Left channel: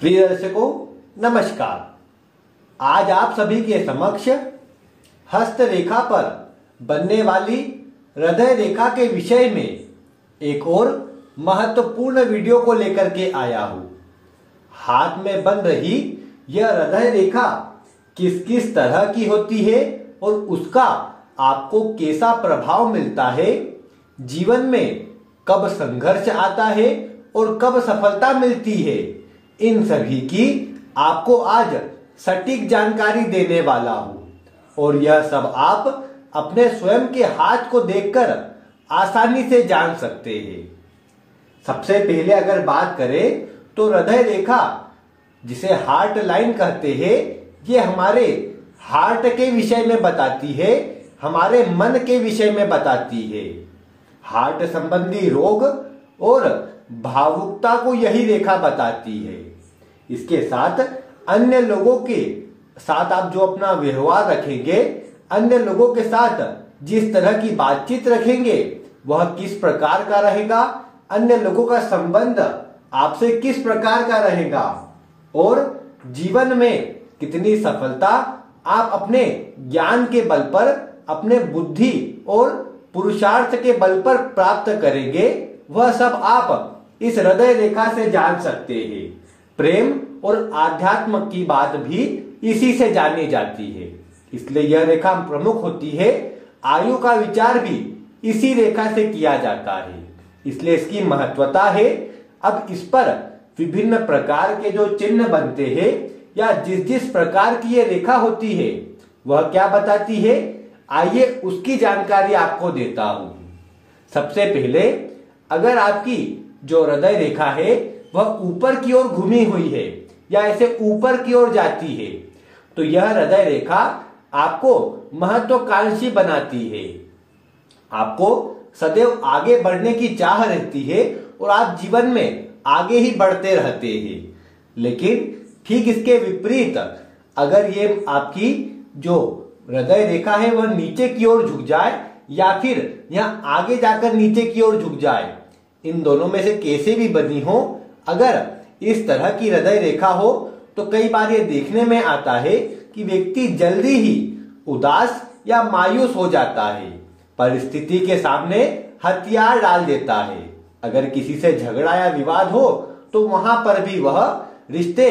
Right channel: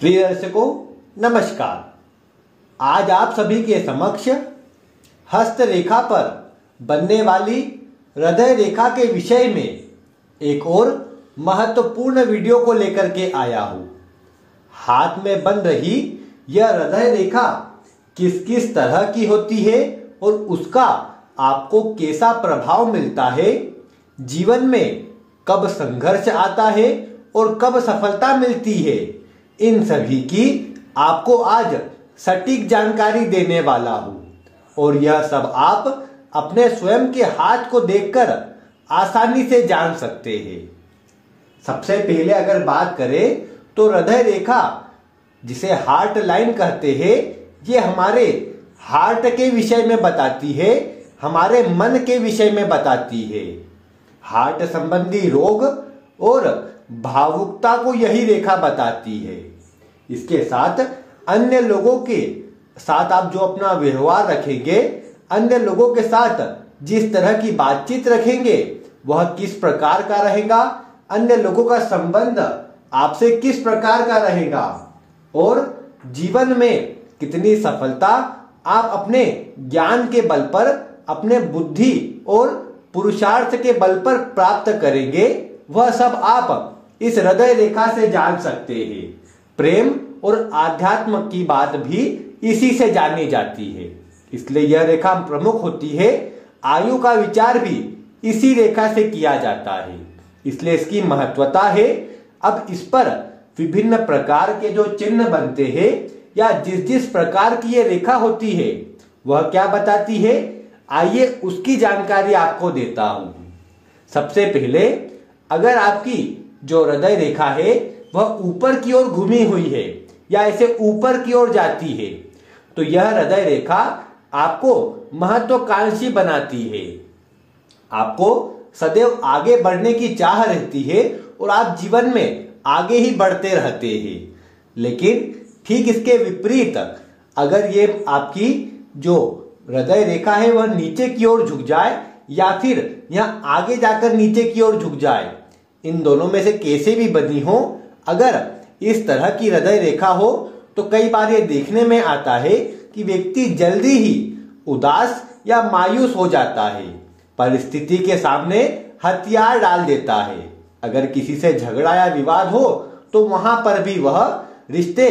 प्रिय दर्शकों, नमस्कार। आज आप सभी के समक्ष हस्त रेखा पर बनने वाली हृदय रेखा के विषय में एक और महत्वपूर्ण वीडियो को लेकर के आया हूं। हाथ में बन रही यह हृदय रेखा किस किस तरह की होती है और उसका आपको कैसा प्रभाव मिलता है, जीवन में कब संघर्ष आता है और कब सफलता मिलती है, इन सभी की आपको आज सटीक जानकारी देने वाला हूं। और यह सब आप अपने स्वयं के हाथ को देखकर आसानी से जान सकते हैं। सबसे पहले अगर बात करें तो हृदय रेखा, जिसे हार्ट लाइन कहते हैं, ये हमारे हार्ट के विषय में बताती है, हमारे मन के विषय में बताती है। हार्ट संबंधी रोग और भावुकता को यही रेखा बताती है। इसके साथ अन्य लोगों के साथ आप जो अपना व्यवहार रखेंगे, अन्य लोगों के साथ जिस तरह की बातचीत रखेंगे, वह किस प्रकार का रहेगा, अन्य लोगों का संबंध आपसे किस प्रकार का रहेगा और जीवन में कितनी सफलता आप अपने ज्ञान के बल पर, अपने बुद्धि और पुरुषार्थ के बल पर प्राप्त करेंगे, वह सब आप इस हृदय रेखा से जान सकते हैं। प्रेम और आध्यात्म की बात भी इसी से जानी जाती है, इसलिए यह रेखा प्रमुख होती है। आयु का विचार भी इसी रेखा से किया जाता है, इसलिए इसकी महत्वता है। अब इस पर विभिन्न प्रकार के जो चिन्ह बनते हैं या जिस जिस प्रकार की ये रेखा होती है, वह क्या बताती है, आइए उसकी जानकारी आपको देता हूं। सबसे पहले, अगर आपकी जो हृदय रेखा है वह ऊपर की ओर घूमी हुई है या ऐसे ऊपर की ओर जाती है, तो यह हृदय रेखा आपको महत्वाकांक्षी बनाती है। आपको सदैव आगे बढ़ने की चाह रहती है और आप जीवन में आगे ही बढ़ते रहते हैं। लेकिन ठीक इसके विपरीत, अगर ये आपकी जो हृदय रेखा है वह नीचे की ओर झुक जाए या फिर यहां आगे जाकर नीचे की ओर झुक जाए, इन दोनों में से कैसे भी बनी हो, अगर इस तरह की हृदय रेखा हो तो कई बार ये देखने में आता है कि व्यक्ति जल्दी ही उदास या मायूस हो जाता है, परिस्थिति के सामने हथियार डाल देता है। अगर किसी से झगड़ा या विवाद हो तो वहां पर भी वह रिश्ते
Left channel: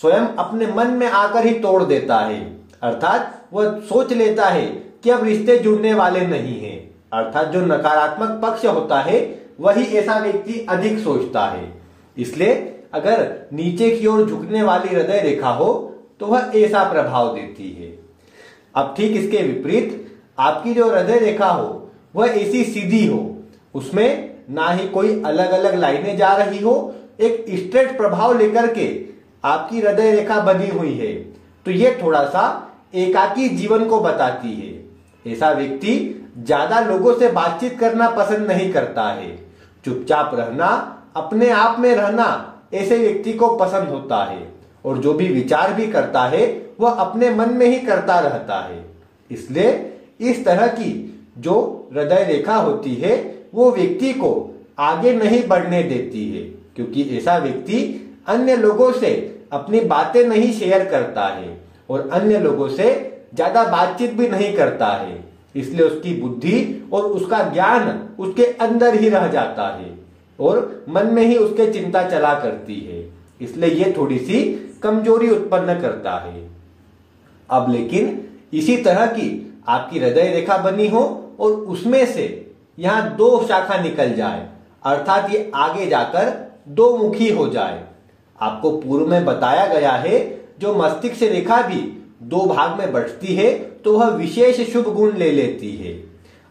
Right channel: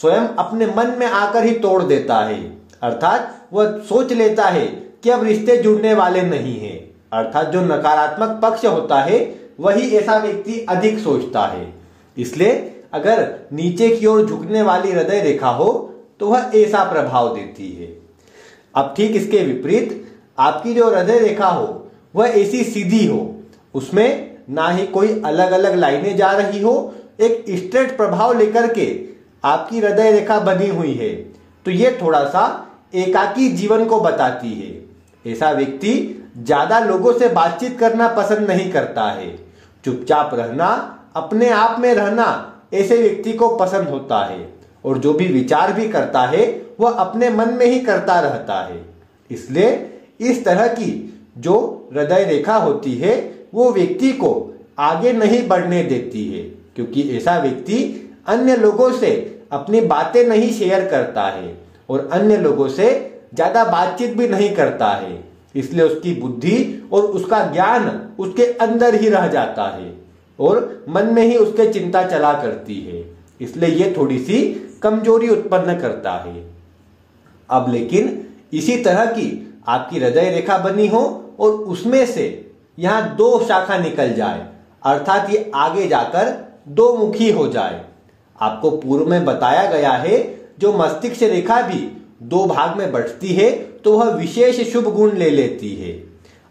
स्वयं अपने मन में आकर ही तोड़ देता है, अर्थात वह सोच लेता है कि अब रिश्ते जुड़ने वाले नहीं हैं। अर्थात जो नकारात्मक पक्ष होता है वही ऐसा व्यक्ति अधिक सोचता है। इसलिए अगर नीचे की ओर झुकने वाली हृदय रेखा हो तो वह ऐसा प्रभाव देती है। अब ठीक इसके विपरीत, आपकी जो हृदय रेखा हो वह ऐसी सीधी हो, उसमें ना ही कोई अलग अलग लाइनें जा रही हो, एक स्ट्रेट प्रभाव लेकर के आपकी हृदय रेखा बनी हुई है, तो यह थोड़ा सा एकाकी जीवन को बताती है। ऐसा व्यक्ति ज्यादा लोगों से बातचीत करना पसंद नहीं करता है, चुपचाप रहना, अपने आप में रहना ऐसे व्यक्ति को पसंद होता है और जो भी विचार भी करता है वह अपने मन में ही करता रहता है। इसलिए इस तरह की जो हृदय रेखा होती है वो व्यक्ति को आगे नहीं बढ़ने देती है, क्योंकि ऐसा व्यक्ति अन्य लोगों से अपनी बातें नहीं शेयर करता है और अन्य लोगों से ज्यादा बातचीत भी नहीं करता है। इसलिए उसकी बुद्धि और उसका ज्ञान उसके अंदर ही रह जाता है और मन में ही उसके चिंता चला करती है, इसलिए ये थोड़ी सी कमजोरी उत्पन्न करता है। अब लेकिन इसी तरह की आपकी हृदय रेखा बनी हो और उसमें से यहां दो शाखा निकल जाए, अर्थात ये आगे जाकर दो मुखी हो जाए। आपको पूर्व में बताया गया है जो मस्तिष्क रेखा भी दो भाग में बढ़ती है तो वह विशेष शुभ गुण ले लेती है।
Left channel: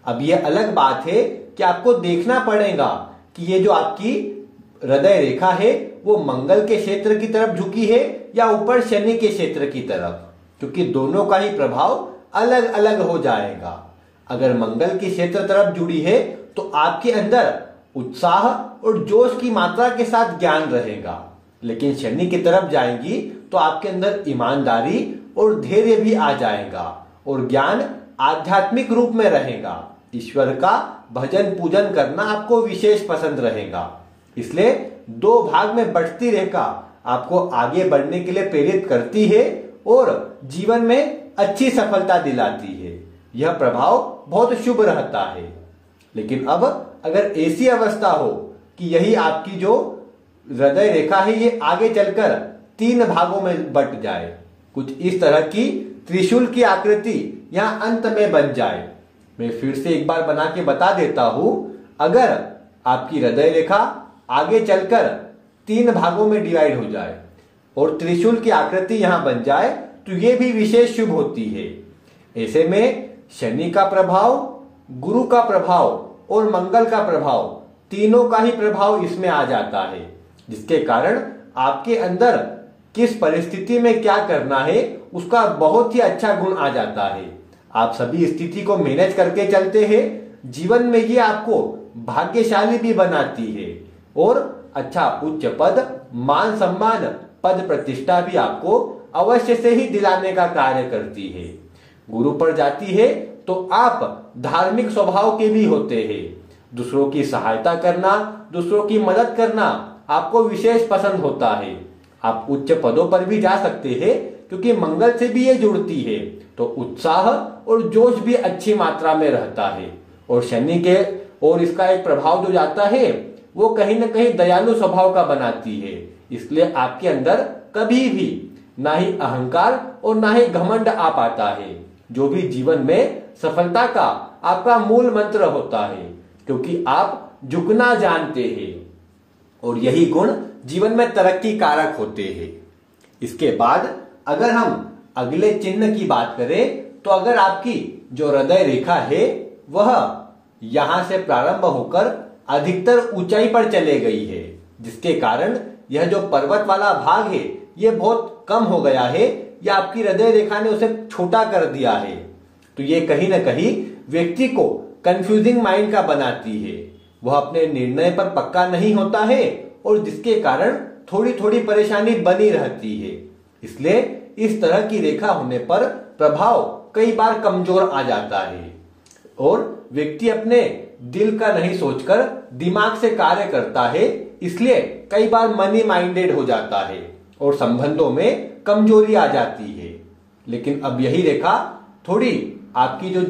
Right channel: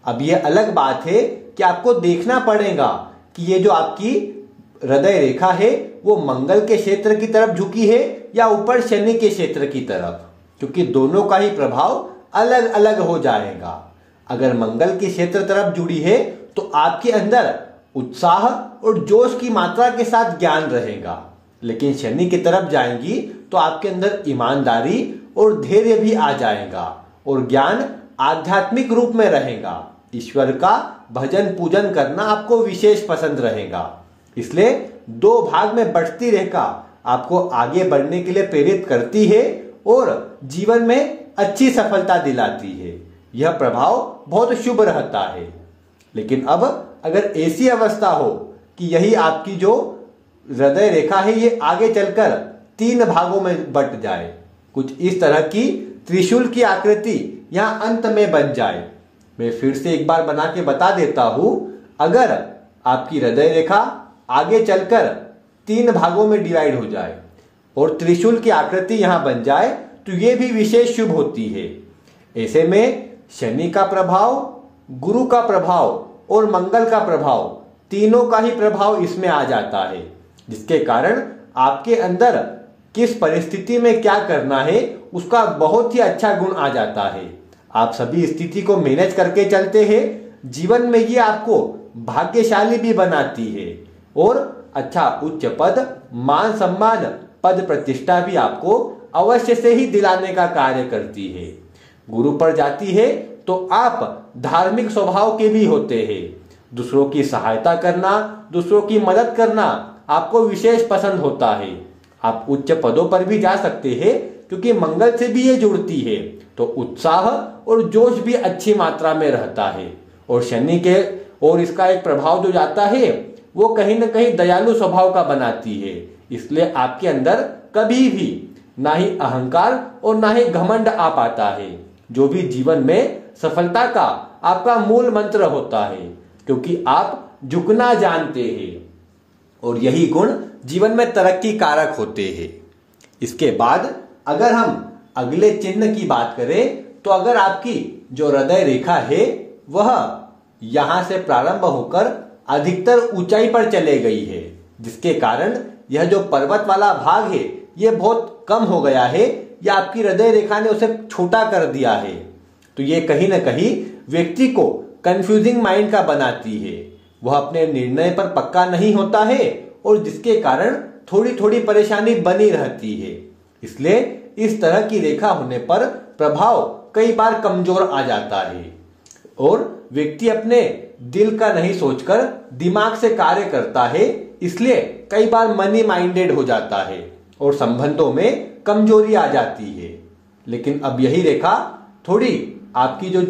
अब यह अलग बात है कि आपको देखना पड़ेगा कि ये जो आपकी हृदय रेखा है वो मंगल के क्षेत्र की तरफ झुकी है या ऊपर शनि के क्षेत्र की तरफ, क्योंकि दोनों का ही प्रभाव अलग अलग हो जाएगा। अगर मंगल के क्षेत्र तरफ जुड़ी है तो आपके अंदर उत्साह और जोश की मात्रा के साथ ज्ञान रहेगा, लेकिन शनि की तरफ जाएंगी तो आपके अंदर ईमानदारी और धैर्य भी आ जाएगा और ज्ञान आध्यात्मिक रूप में रहेगा। ईश्वर का भजन पूजन करना आपको विशेष पसंद रहेगा। इसलिए दो भाग में बढ़ती रेखा आपको आगे बढ़ने के लिए प्रेरित करती है और जीवन में अच्छी सफलता दिलाती है। यह प्रभाव बहुत शुभ रहता है। लेकिन अब अगर ऐसी अवस्था हो कि यही आपकी जो हृदय रेखा है ये आगे चलकर 3 भागों में बट जाए, कुछ इस तरह की त्रिशूल की आकृति यहां अंत में बन जाए। मैं फिर से एक बार बना के बता देता हूं, अगर आपकी हृदय रेखा आगे चलकर 3 भागों में डिवाइड हो जाए और त्रिशूल की आकृति यहां बन जाए तो यह भी विशेष शुभ होती है। ऐसे में शनि का प्रभाव, गुरु का प्रभाव और मंगल का प्रभाव, तीनों का ही प्रभाव इसमें आ जाता है, जिसके कारण आपके अंदर किस परिस्थिति में क्या करना है उसका बहुत ही अच्छा गुण आ जाता है। आप सभी स्थिति को मैनेज करके चलते हैं। जीवन में ये आपको भाग्यशाली भी बनाती है और अच्छा उच्च पद, मान सम्मान, पद प्रतिष्ठा भी आपको अवश्य से ही दिलाने का कार्य करती है। गुरु पर जाती है तो आप धार्मिक स्वभाव के भी होते हैं। दूसरों की सहायता करना, दूसरों की मदद करना आपको विशेष पसंद होता है। आप उच्च पदों पर भी जा सकते हैं क्योंकि मंगल से भी ये जुड़ती है, तो उत्साह और जोश भी अच्छी मात्रा में रहता है। और शनि के और इसका एक प्रभाव जो जाता है वो कहीं ना कहीं दयालु स्वभाव का बनाती है। इसलिए आपके अंदर कभी भी ना ही अहंकार और ना ही घमंड आ पाता है, जो भी जीवन में सफलता का आपका मूल मंत्र होता है, क्योंकि आप झुकना जानते हैं और यही गुण जीवन में तरक्की कारक होते हैं। इसके बाद अगर हम अगले चिन्ह की बात करें तो अगर आपकी जो हृदय रेखा है वह यहां से प्रारंभ होकर अधिकतर ऊंचाई पर चले गई है, जिसके कारण यह जो पर्वत वाला भाग है यह बहुत कम हो गया है या आपकी हृदय रेखा ने उसे छोटा कर दिया है, तो ये कहीं ना कहीं व्यक्ति को कंफ्यूजिंग माइंड का बनाती है। वह अपने निर्णय पर पक्का नहीं होता है और जिसके कारण थोड़ी थोड़ी परेशानी बनी रहती है। इसलिए इस तरह की रेखा होने पर प्रभाव कई बार कमजोर आ जाता है और व्यक्ति अपने दिल का नहीं सोचकर दिमाग से कार्य करता है, इसलिए कई बार मनी माइंडेड हो जाता है और संबंधों में कमजोरी आ जाती है। लेकिन अब यही रेखा थोड़ी आपकी जो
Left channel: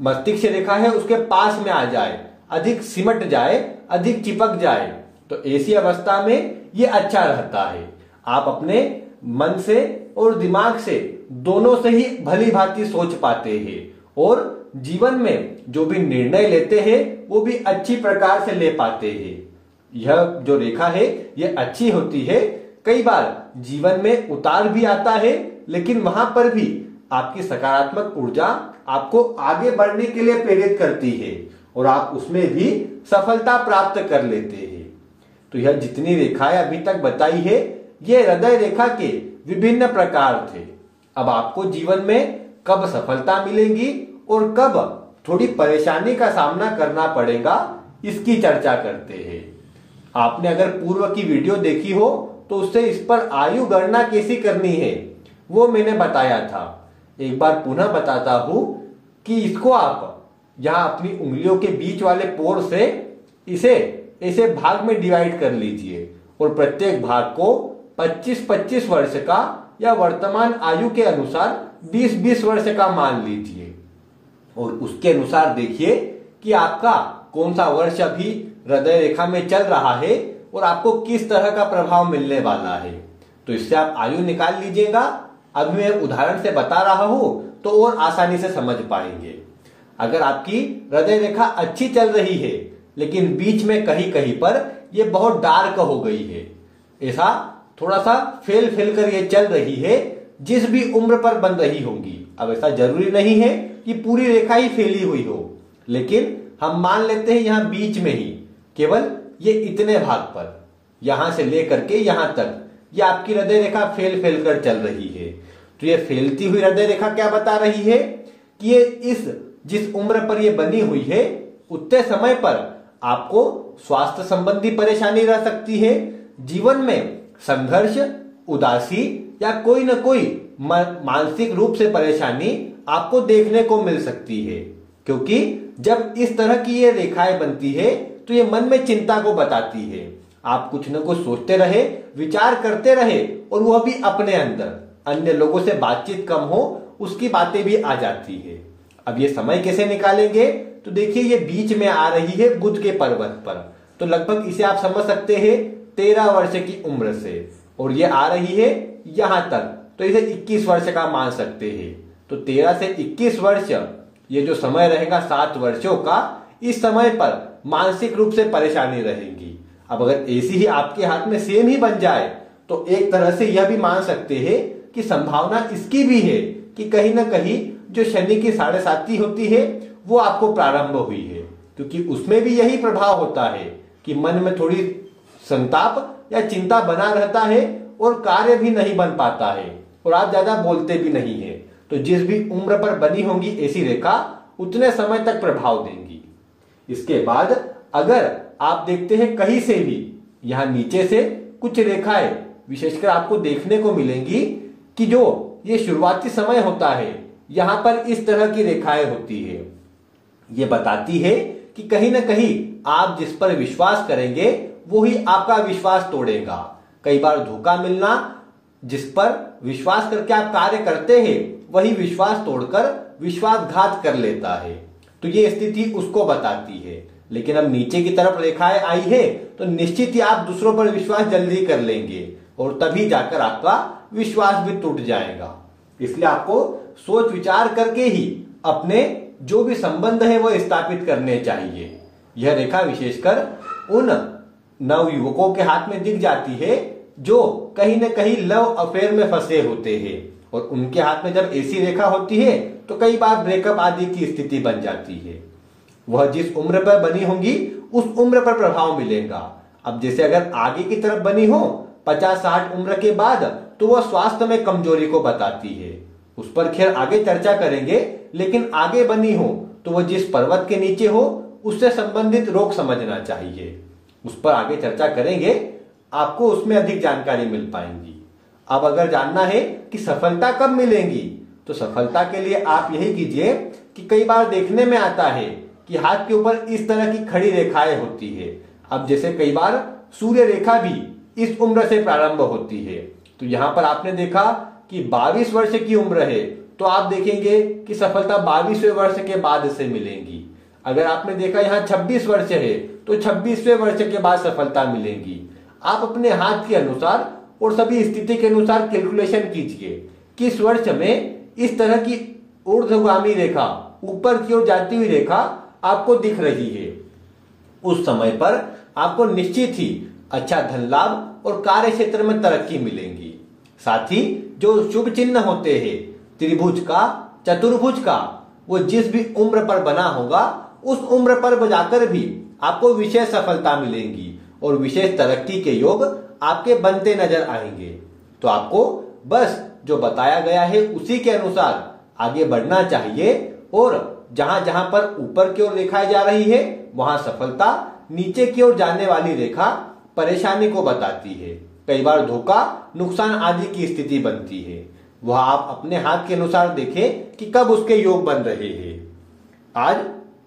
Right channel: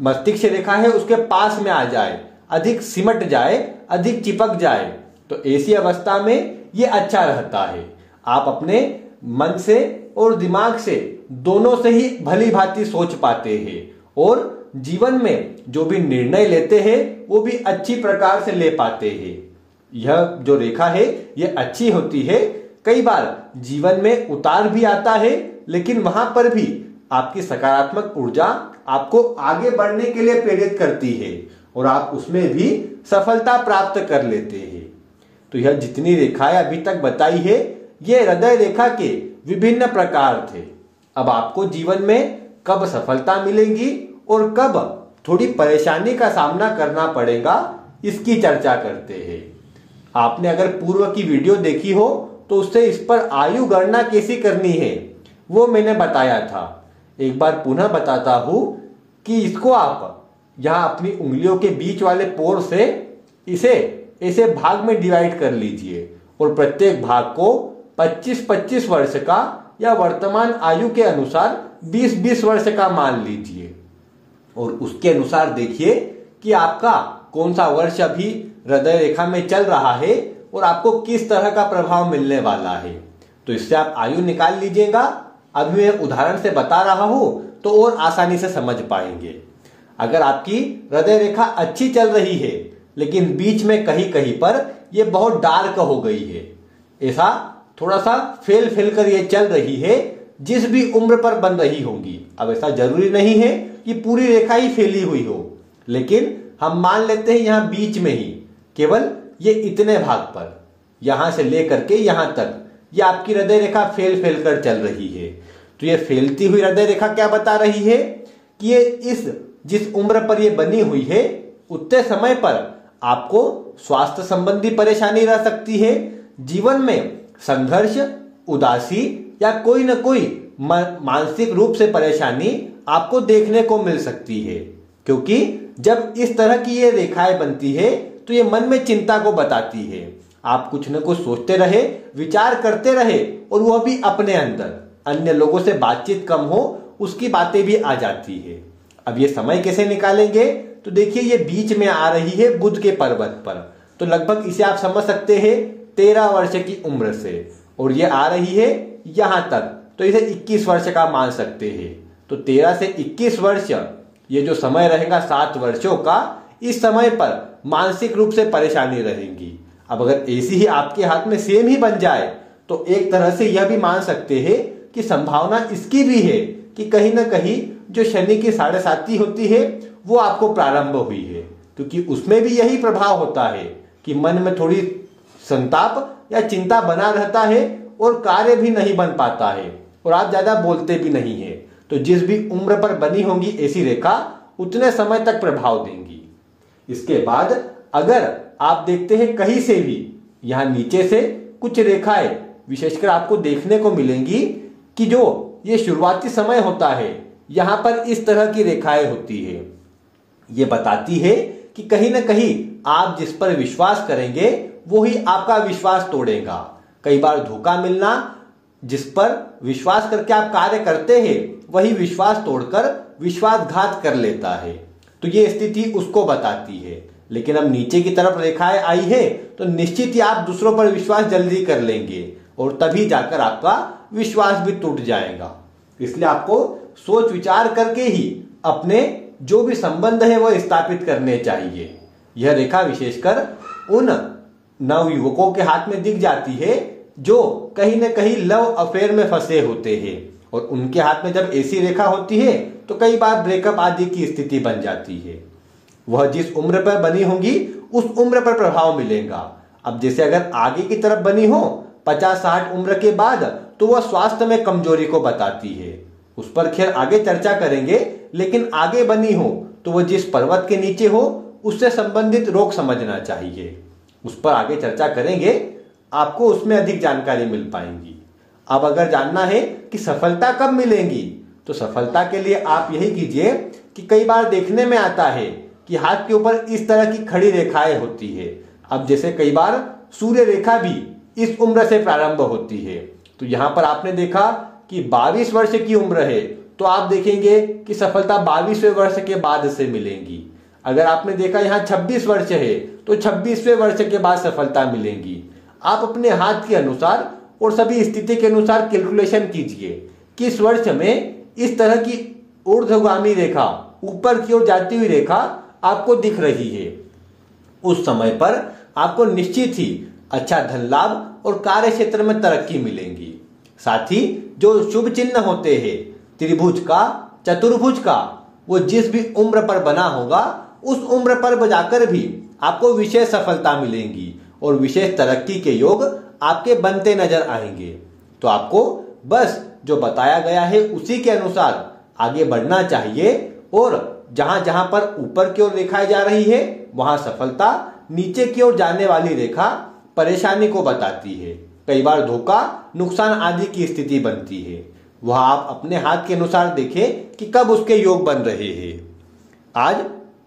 मस्तिष्क रेखा है उसके पास में आ जाए, अधिक सिमट जाए, अधिक चिपक जाए, तो ऐसी अवस्था में ये अच्छा रहता है। आप अपने मन से और दिमाग से दोनों से ही भली भांति सोच पाते हैं और जीवन में जो भी निर्णय लेते हैं वो भी अच्छी प्रकार से ले पाते हैं। यह जो रेखा है ये अच्छी होती है। कई बार जीवन में उतार भी आता है, लेकिन वहां पर भी आपकी सकारात्मक ऊर्जा आपको आगे बढ़ने के लिए प्रेरित करती है और आप उसमें भी सफलता प्राप्त कर लेते हैं। तो यह जितनी रेखाएं अभी तक बताई है ये हृदय रेखा के विभिन्न प्रकार थे। अब आपको जीवन में कब सफलता मिलेगी और कब थोड़ी परेशानी का सामना करना पड़ेगा इसकी चर्चा करते हैं। आपने अगर पूर्व की वीडियो देखी हो तो उससे इस पर आयु गणना कैसी करनी है वो मैंने बताया था। एक बार पुनः बताता हूं कि इसको आप यहां अपनी उंगलियों के बीच वाले पोर से इसे ऐसे भाग में डिवाइड कर लीजिए और प्रत्येक भाग को 25-25 वर्ष का या वर्तमान आयु के अनुसार 20-20 वर्ष का मान लीजिए और उसके अनुसार देखिए कि आपका कौन सा वर्ष अभी हृदय रेखा में चल रहा है और आपको किस तरह का प्रभाव मिलने वाला है। तो इससे आप आयु निकाल लीजिएगा। अभी मैं उदाहरण से बता रहा हूं तो और आसानी से समझ पाएंगे। अगर आपकी हृदय रेखा अच्छी चल रही है लेकिन बीच में कहीं कहीं पर यह बहुत डार्क हो गई है, ऐसा थोड़ा सा फेल फेल कर ये चल रही है, जिस भी उम्र पर बन रही होंगी। अब ऐसा जरूरी नहीं है कि पूरी रेखा ही फैली हुई हो, लेकिन हम मान लेते हैं यहां बीच में ही केवल ये इतने भाग पर यहां से लेकर के यहां तक ये आपकी हृदय रेखा फेल फेल कर चल रही है। तो ये फैलती हुई हृदय रेखा क्या बता रही है कि ये इस जिस उम्र पर ये बनी हुई है उतने समय पर आपको स्वास्थ्य संबंधी परेशानी रह सकती है। जीवन में संघर्ष, उदासी या कोई न कोई मानसिक रूप से परेशानी आपको देखने को मिल सकती है, क्योंकि जब इस तरह की ये रेखाएं बनती है तो ये मन में चिंता को बताती है। आप कुछ न कुछ सोचते रहे, विचार करते रहे, और वह भी अपने अंदर। अन्य लोगों से बातचीत कम हो, उसकी बातें भी आ जाती है। अब ये समय कैसे निकालेंगे? तो देखिए, ये बीच में आ रही है बुध के पर्वत पर, तो लगभग इसे आप समझ सकते हैं 13 वर्ष की उम्र से, और ये आ रही है यहां तक, तो इसे 21 वर्ष का मान सकते हैं। तो 13 से 21 वर्ष ये जो समय रहेगा 7 वर्षों का, इस समय पर मानसिक रूप से परेशानी रहेगी। अब अगर ऐसी ही आपके हाथ में सेम ही बन जाए तो एक तरह से यह भी मान सकते हैं कि संभावना इसकी भी है कि कहीं ना कहीं जो शनि की 7.5 होती है वो आपको प्रारंभ हुई है, क्योंकि उसमें भी यही प्रभाव होता है कि मन में थोड़ी संताप या चिंता बना रहता है और कार्य भी नहीं बन पाता है और आप ज्यादा बोलते भी नहीं है। तो जिस भी उम्र पर बनी होंगी ऐसी रेखा उतने समय तक प्रभाव देंगी। इसके बाद अगर आप देखते हैं कहीं से भी यहां नीचे से कुछ रेखाएं विशेषकर आपको देखने को मिलेंगी कि जो ये शुरुआती समय होता है यहां पर इस तरह की रेखाएं होती है। ये बताती है कि कहीं ना कहीं आप जिस पर विश्वास करेंगे वो ही आपका विश्वास तोड़ेगा। कई बार धोखा मिलना, जिस पर विश्वास करके आप कार्य करते हैं वही विश्वास तोड़कर विश्वासघात कर लेता है, तो ये स्थिति उसको बताती है। लेकिन अब नीचे की तरफ रेखाएं आई है तो निश्चित ही आप दूसरों पर विश्वास जल्दी कर लेंगे और तभी जाकर आपका विश्वास भी टूट जाएगा। इसलिए आपको सोच विचार करके ही अपने जो भी संबंध है वो स्थापित करने चाहिए। यह रेखा विशेषकर उन नवयुवकों के हाथ में दिख जाती है जो कहीं न कहीं लव अफेयर में फंसे होते हैं, और उनके हाथ में जब ऐसी रेखा होती है तो कई बार ब्रेकअप आदि की स्थिति बन जाती है। वह जिस उम्र पर बनी होंगी उस उम्र पर प्रभाव मिलेगा। अब जैसे अगर आगे की तरफ बनी हो 50-60 उम्र के बाद तो वह स्वास्थ्य में कमजोरी को बताती है, उस पर खैर आगे चर्चा करेंगे। लेकिन आगे बनी हो तो वह जिस पर्वत के नीचे हो उससे संबंधित रोग समझना चाहिए, उस पर आगे चर्चा करेंगे, आपको उसमें अधिक जानकारी मिल पाएंगी। अब अगर जानना है कि सफलता कब मिलेगी तो सफलता के लिए आप यही कीजिए कि कई बार देखने में आता है कि हाथ के ऊपर इस तरह की खड़ी रेखाएं होती है। अब जैसे कई बार सूर्य रेखा भी इस उम्र से प्रारंभ होती है, तो यहां पर आपने देखा कि 22 वर्ष की उम्र है तो आप देखेंगे कि सफलता 22वें वर्ष के बाद से मिलेगी। अगर आपने देखा यहाँ 26 वर्ष है तो 26वें वर्ष के बाद सफलता मिलेगी। आप अपने हाथ के अनुसार और सभी स्थिति के अनुसार कैलकुलेशन कीजिए किस वर्ष में इस तरह की ऊर्ध्वगामी रेखा, ऊपर की ओर जाती हुई रेखा आपको दिख रही है। उस समय पर आपको निश्चित ही अच्छा धन लाभ और कार्य क्षेत्र में तरक्की मिलेगी। साथ ही जो शुभ चिन्ह होते हैं त्रिभुज का, चतुर्भुज का, वो जिस भी उम्र पर बना होगा उस उम्र पर जाकर भी आपको विशेष सफलता मिलेगी और विशेष तरक्की के योग आपके बनते नजर आएंगे। तो आपको बस जो बताया गया है उसी के अनुसार आगे बढ़ना चाहिए, और जहां जहां पर ऊपर की ओर रेखाएं जा रही है वहां सफलता, नीचे की ओर जाने वाली रेखा परेशानी को बताती है। कई बार धोखा, नुकसान आदि की स्थिति बनती है। वह आप अपने हाथ के अनुसार देखें कि कब उसके योग बन रहे हैं। आज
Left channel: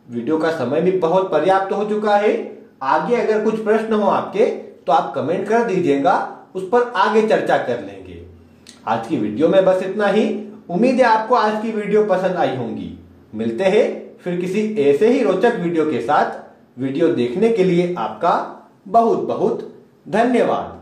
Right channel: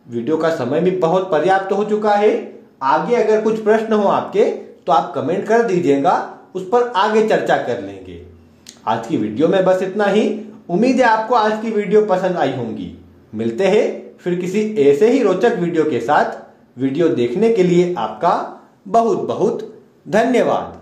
वीडियो का समय भी बहुत पर्याप्त हो चुका है। आगे अगर कुछ प्रश्न हो आपके तो आप कमेंट कर दीजिएगा, उस पर आगे चर्चा कर लेंगे। आज की वीडियो में बस इतना ही। उम्मीद है आपको आज की वीडियो पसंद आई होंगी। मिलते हैं फिर किसी ऐसे ही रोचक वीडियो के साथ। वीडियो देखने के लिए आपका बहुत बहुत धन्यवाद।